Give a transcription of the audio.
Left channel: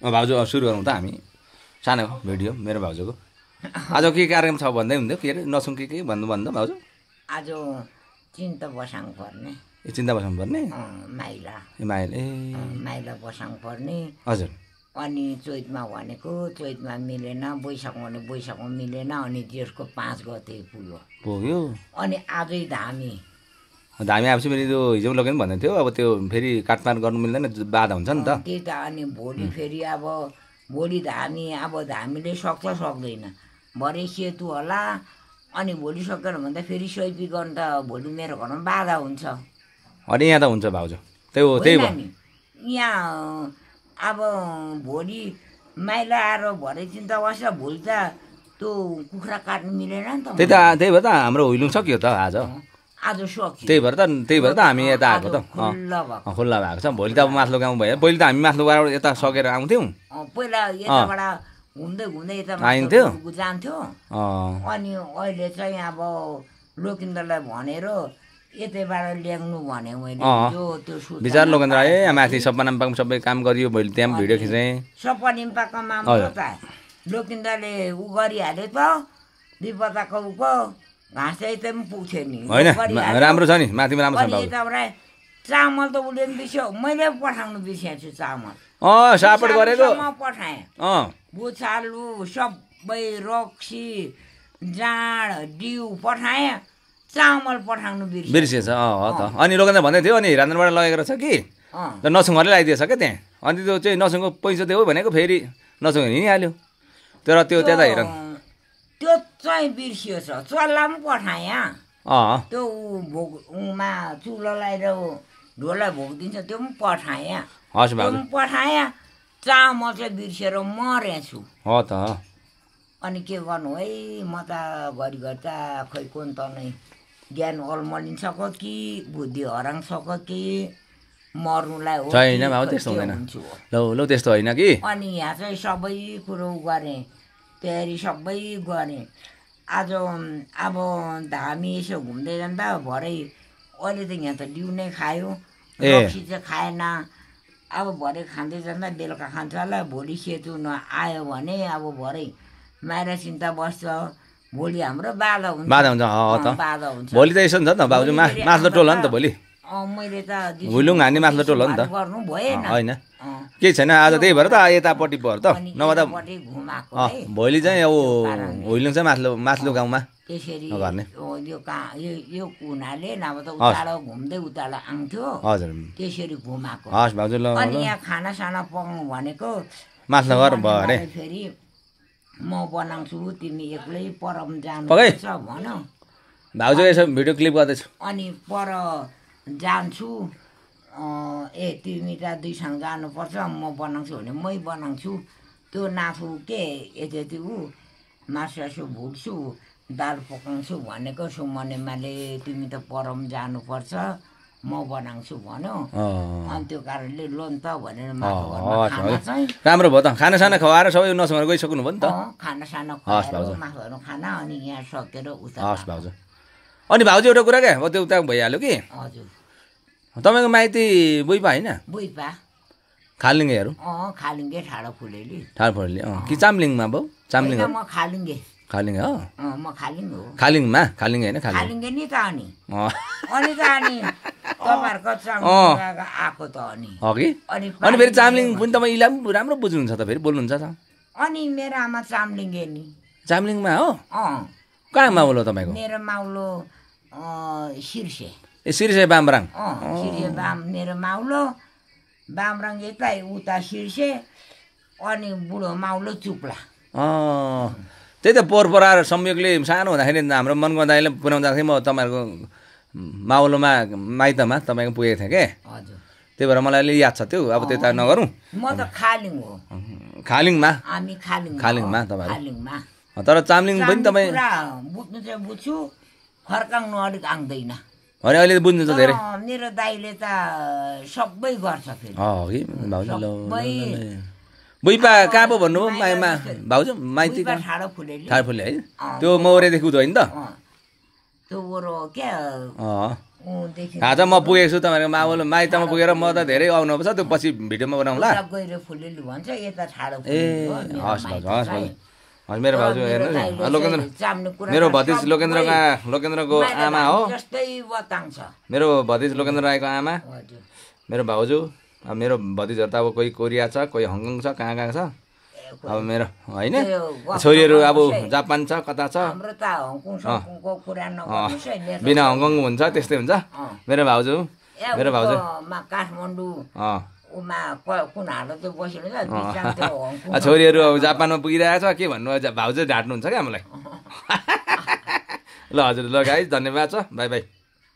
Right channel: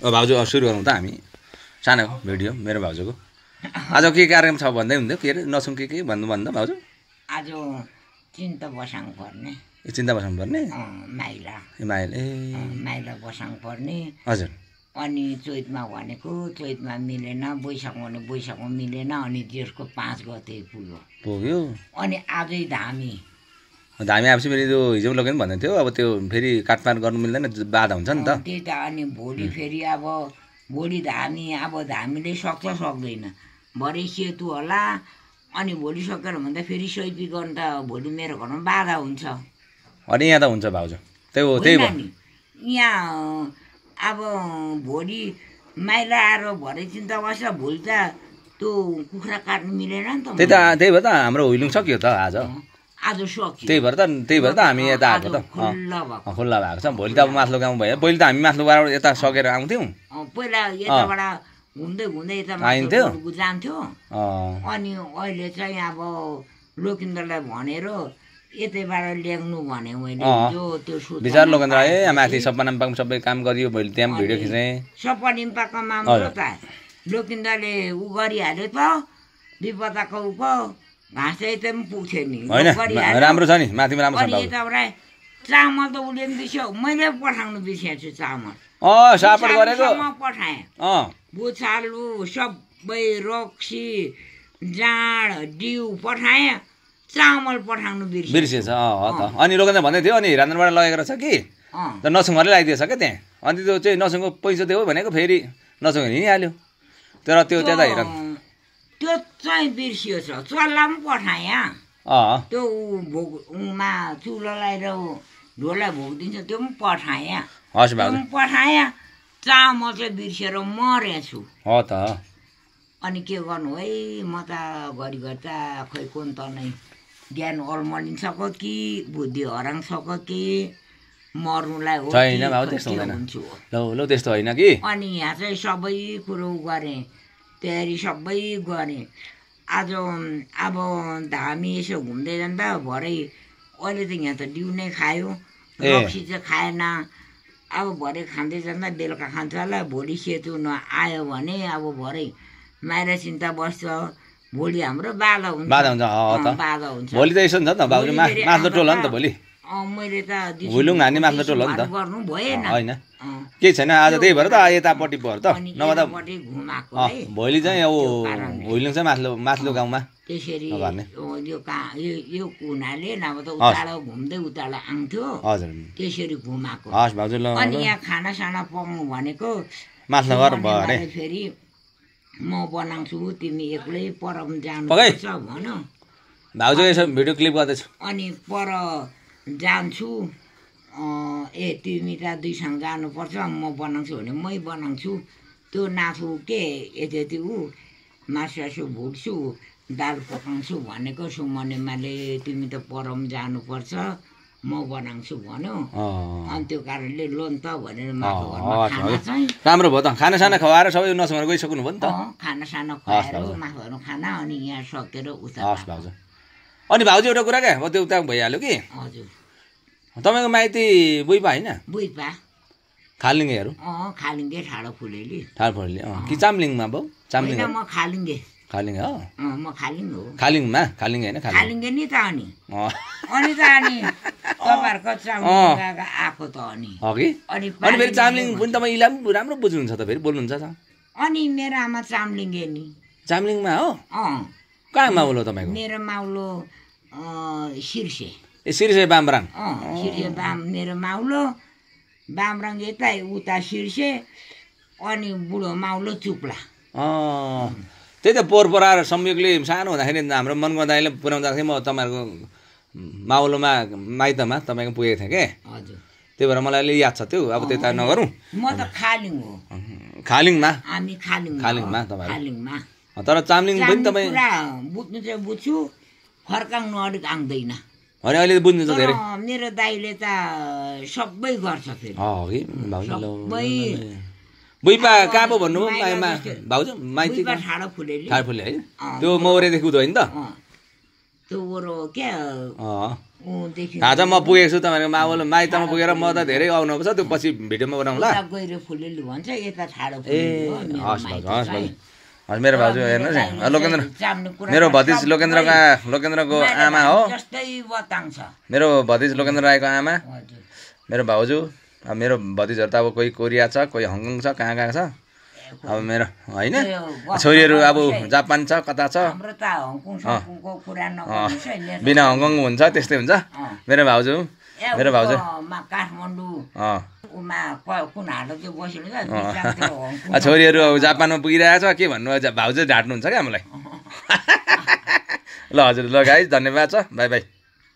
भाउजू सुरु गरौँ त हामी सानो भिडियो मेरो भाउजूको आज के कार्यक्रम छ भन्दै हुन्थ्यो के अरे नसुङ के भन्नु भाउजू आज चिन्ता बसाङ पर्ने चिन्ता बसाङ पर्ने माइला माइला बसाङ पर्ने हजुर अनि चैतमा भनेको चैतमा मिलेन बैशाखमा भने बैशाखमा मिलेन अनि जेठको 5 गते पुग्यो अनि आजै धामी आएपछि फेरि त्यो हिजो लगेन भन्दै थियो अब त्यो फेरि काटमार गर्नु मिल्दैन बाधा हुन्छ नि त त्यही त अनि भोलि फेरि अब भोलि धामी अब धामीले सक्छ सक्दैन भरे सेतु होला अनि भोलि सकेन भन्दा फेरि सैपी गर्न त भोलि मेरो घरमा बाधा हुन्छ अनि यहाँ त हुन्छ भाउजू त्यही हो यहाँ अब भोलि माइला आएर भरे चिन्ता बस्छ भोलि त त्यो कुखुरा काट्नु मिलेन नि त त्यही भएर त हाम्रो हुइलुङ सक्यो त आज सक्यो त्यही भएर त हामी यता आएको त खुल्ला भएको छ भोलि त अब माथिल्लो गाउँ भयो पहिले त हामी माथिल्लो यता सकेर आउँथ्यौँ पहिला यताबाट घुम्दै यता जान्थ्यो अनि अहिले चाहिँ अब लोकिन्द्रलाई भनेर यतैबाट ल्याउनु भने मैले विचार लोकेन्द्र आए माथि सपा निम्पाको सबै काम गरियो मैले त्यहाँ भिडियो खिचेँ सपा निम्पाको मामला त लोकिन्द्रले उ गरिहाल्यो त विपदाको उको घाँस चाहिँ पनि पुग्थ्यो नि राम्रो छ नि माथिमा राम्रो छ यताबाट चामल त उसले पनि बिर्स्यो मैले पठाउनु बिर्सेको छु चामल सापट गरेको पठाएँ बुछालु सबै रक्सी जाँड डिउ पठाएँ चामल पठाउनु बिर्सेछ त अनि लोकेन्द्र भन्दै थियो अनि रान्द्रबाट लगेको रहेछ कि त नसुङहरूले लगाइदिएछ क्या त्यहाँ अनि त्यो चाहिँ नसुङको पैसा दियो भनेको फेरि नसुङ हिँडिहाल्यो तर त्यो त्यता हेर त्यो चाहिँ बिर्सियो छ चल्ला पनि पठाएँ त्यो उमा चुलोलाई र ढोलाई भोग दिन्छ त्यो पनि पठाएँ पठाएँ चामल चाहिँ बिर्सेर मरेछु हो त अनि के गर्नु है म त घरिघरि त खै कुन त नै ज्ञान अल्मलिन सक कि बुद्धि हराङ सक कि मर्नुलाई हो ल त्यस्तो होइन कि अनि यहाँ चाहिँ सबै कुरो गरेँ तयारी सबै गरेँ आज अब धामी यसो घुम्दै जाँदा भरे अहिले त यहाँ त डिउ नै खायो रक्सी चाहिँ खाएन अब भरे खाँदै जाँदा बेलुका खान्छ होला भोलि सेतु नआयो भने अब भरे माइरा चिन्ता बस्छ भोलि हाम्रो बाधा हुन्छ भोलि त यसो नि त भाउजू माथिल्लो टोल हो नि त भोलि मैले त हुइलुङ हान्ने माथिल्लो टोल हो नि त गर्नु भएन होइन केही छैन आज त्यही भएर त यतापट्टि भयो त नभए त भोलि चाहिँ अब हुइलुङ चाहिँ माथिल्लो गाउँमा त्यसरी यो कुनाले नभए त उतालो घुम्दै उतालो आउँथ्यो हजुर त्यसरी घुमाएको हस् भाउजू ल अनि यहाँ खानासाना पकाउनु भनेको माथिल्लो घर भयो अरे फेरि म बनाउँछु तिमी एक्लै परम जानुपर्छ भन भाउजू यसो भिडियो क्लिप गर्दैछु अनि पर जान्छु तिमी त दुईसँग जानुपर्छ म बनाउँछु भने मै बनाउँछु त्यो नाफु के यति मासु भुट्छु दाल पकाउँछु भनेको सुमनेमाले तिमी त परम जानुपर्छ म बनाउँछु भन्यो अनि त्यो कारणले लोन त भनेर राम्रो भयो त खानासाना खुवाएर सबै नसँग गइसक्नु भयो नि त खानासाना खुवाएर मासुहरू खाना अनि यहाँ सकेर उता भाउजू अनि भाउजू एउटा कुरा क्या त्यो उता भइहाल्यो कि हजुर तपाईँको माइती बुइपा होइन बुइपा खालिङ्गेहरू खालिङ्गे ठाडो फुलेली कि चामलिङमा भाउ चामलिङ म खालिङ्गे खालिङ्गे हो म खालिङ हो खालिङमा खालिङ्गे होइन खालिङ्गे नि त अनि त अनि तपाईँहरूको चामलिङ आएको त अनि फेरि चामलिङ पनि तपाईँ इलाम राम्रो बुझ्नुहुन्छ त फेरि बोल्नुहुन्छ त अनि मेरो आमा चामलिङ्गे नि चामलिङमा हो कहाँ माउलो तपाईँको मेरो माउलो सिर्से सिर्से बामराङ सिर्से मेरो माउलो बामराङ यता उता सिर्से अनि बुढो माउलो चुप्ला त्यही त पोहोर संयोगले सानो हुँदाखेरि हाम्रो मनको दाइले पुर्याउँदाखेरि म तपाईँहरूको माउलोमा माइतमा तपाईँको पुगेको थिएँ क्या त्यही भएर मलाई अलि याद छ त्यो अब त्यता नगरौँ म त खालिङ हो खालिङमा हामी खालिङमा तपाईँ खालिङमा तर चामलिङ पनि तपाईँ बुझ्नु चाहिँ बुझ्छु फर्काउनु अलिक आउँदैन अनि अहिले बुझ्नु त धेरै मेरो दाइले त सबै गर्छ फेरि बुइपा कहाँ पो भन्नु भाउजू माइती ठाडो फुले है त्यो मौरेदेखि उतो होइन त त्यो ओरो क्या आज म पुगेको छु तपाईँको मावल माइतमा पुगेर म त धेरै आउनुपर्छ त्यो पछि भिडियोमा बनाउँला गएर फुलेली भन्छ यता ठाडो ए हस् हस् मेरो भाउजू हेर्नुहोस् है लोकेन्द्र मेरो भतिज लोकेन्द्रको आमा हो जस्तै बताङ छ मेरो भतिज लोकेन्द्र राईको आमा मेरो भाउजू अब मेरो भतिजहरू त अब कोही कोरिया छ कोही हङकङ छ कहाँ कहाँ छ अब मेरो होइन छोरीहरू अब जापान छ कता छ बिना हङकङ हुन्छ त्यस्तै हुन्छ मेरो भाउजू काठमाडौँ छोरीहरू अब जापानमा पुगिरहेको छ के भन्नु भाउजू ढाँट्नुहुन्छ क्या हामीलाई ल हजुर ल गाइस धन्यवाद छ बाई बाई